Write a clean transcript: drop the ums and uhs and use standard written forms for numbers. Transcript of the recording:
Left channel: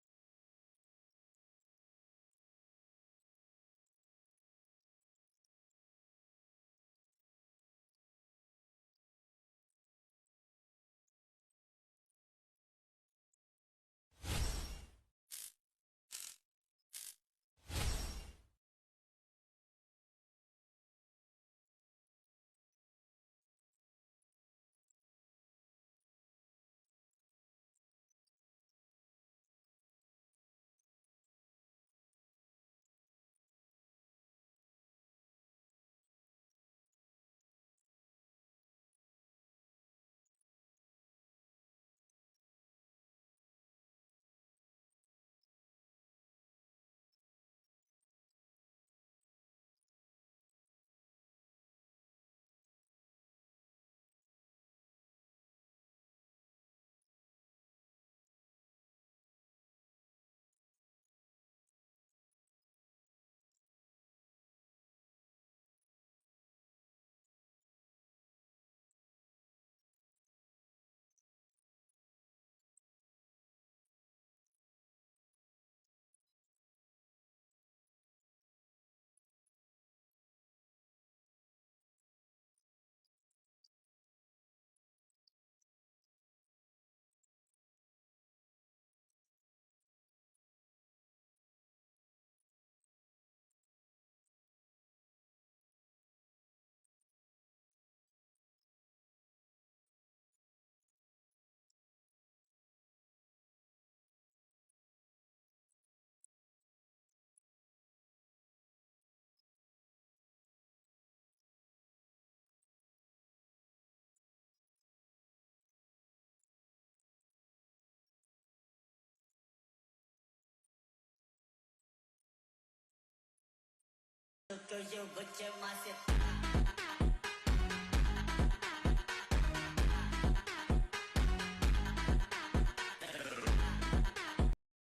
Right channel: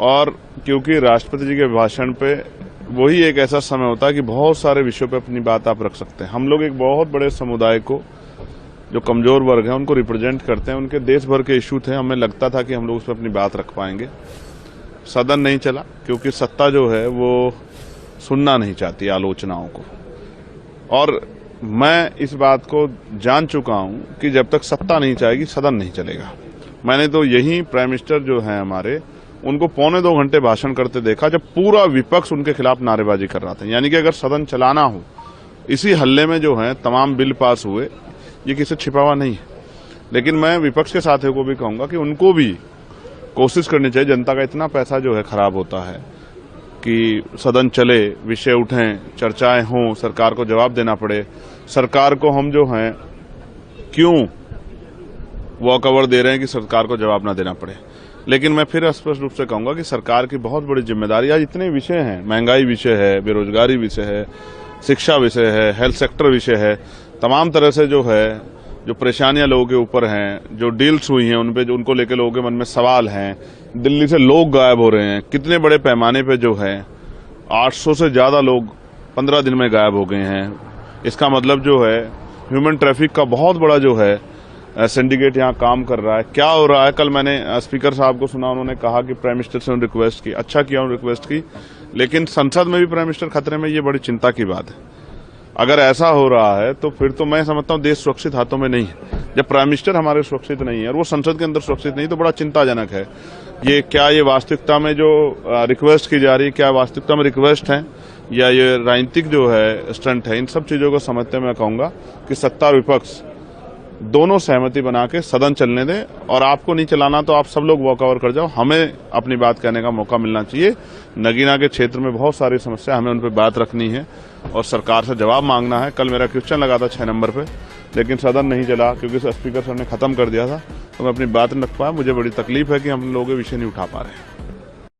और क्योंकि राष्ट्रपति जी के भाषण पे वही एक ऐसा समय होता है कि बहुत सारे विषयों पे अपनी बात आप रख सकते हैं। हम लोग एक बहुत बड़े समुदाय को, जो कमजोर वर्ग हैं, उनको रिप्रेजेंट करते हैं। उनके देश भर के इशू थे, हमें लगता था कि हम लोग उस पर अपनी बात रख पाएंगे। सदन नहीं चला क्योंकि सत्ता जो है वो सुनना नहीं चाहती आलोचनाओं को, और मैं इस बात को जान चुका हूं कि जब तक सत्ता नहीं चाहेगी सदन नहीं चलेगा। मैंने तो यही प्राइम मिनिस्टर जो हैं हमारे, उनको 1.25 घंटे भाषण करते देखा जब पूरा विपक्ष उनके खिलाफ नारेबाजी कर रहा था। यानी कि अगर सदन चलाना हो, इसी हल्ले में जो है तमाम बिल पास हुए, ये किसी छिपा हुआ नहीं है। लेकिन मैं विपक्ष के साथियों को भी कहूंगा कि उनको भी कोशिश करनी चाहिए। जनता का इतना पैसा जो है खराब होता है कि सदन चले, विषय उठें, चर्चाएं हों, सरकार को जवाब देना पड़े। सरकार को हम जो हैं क्यों वॉकओवर दे रहे हैं कि सरकार को जवाब ना देना पड़े। लेकिन मैं फिर स्पष्ट रूप से कहूंगा कि सरकार की बहुत बड़ी जिम्मेदारी, आज इतने विषय हैं, महंगाई विषय है, बेरोजगारी विषय है, शिक्षा विषय है, हेल्थ सेक्टर विषय है, तमाम तरह से जो है जो परेशानियां लोगों के ऊपर हैं, जो डील्स हुई हैं उन पे, जो उनको लेकर लोगों के मन में सवाल हैं। दिल्ली से लोग गायब हो रहे हैं, कितने बड़े पैमाने पे जो है 800 से ज्यादा लोग 15 दिन में गायब हो गए हैं। इसका मतलब जो है ह्यूमन ट्रैफिक का बहुत बड़ा जो है सिंडिकेट यहाँ काम कर रहा है। क्या हो रहा है, कल मैंने स्पीकर साहब को सुना, उन्होंने कहा कि प्राइम मिनिस्टर से उन्होंने रिक्वेस्ट की, अच्छा किया उन्होंने रिक्वेस्ट की, लेकिन संसद में भी प्राइम मिनिस्टर खतरे में, ये बड़ी चिंता की बात है। अगर ऐसा हो रहा है तो फिर तो मैं समझता हूँ देश सुरक्षित हाथों में नहीं है। जब प्राइम मिनिस्टर हमारे सुरक्षित नहीं है और वो संसद के अंदर सुरक्षित नहीं, तो बड़ा चिंताजनक है। ये वास्तविकता में जो रिक्वेस्ट की जा रही है, क्या वास्तविकता में रिक्वेस्ट है या ये राजनीतिक जो है स्टंट है? इन सब चीजों को समझते मैं कहूंगा कि सत्ता और विपक्ष दोनों सहमति बना के सदन चलने दें, और आपको नहीं चलाना तो आप सब लोग वॉकओवर कर जाओ। हमें अपनी बात कहने का मौका मिलना चाहिए। नगीना के क्षेत्र में बहुत सारी समस्या, हमें उन पर बात रखनी है और सरकार से जवाब मांगना है। कल मेरा क्वेश्चन लगा था 6 नंबर पे, लेकिन सदन नहीं चला क्योंकि स्पीकर सर ने खत्म कर दिया था, तो मैं अपनी बात नहीं रख पाया। मुझे बड़ी तकलीफ है कि हम लोग ये विषय नहीं उठा पा रहे हैं।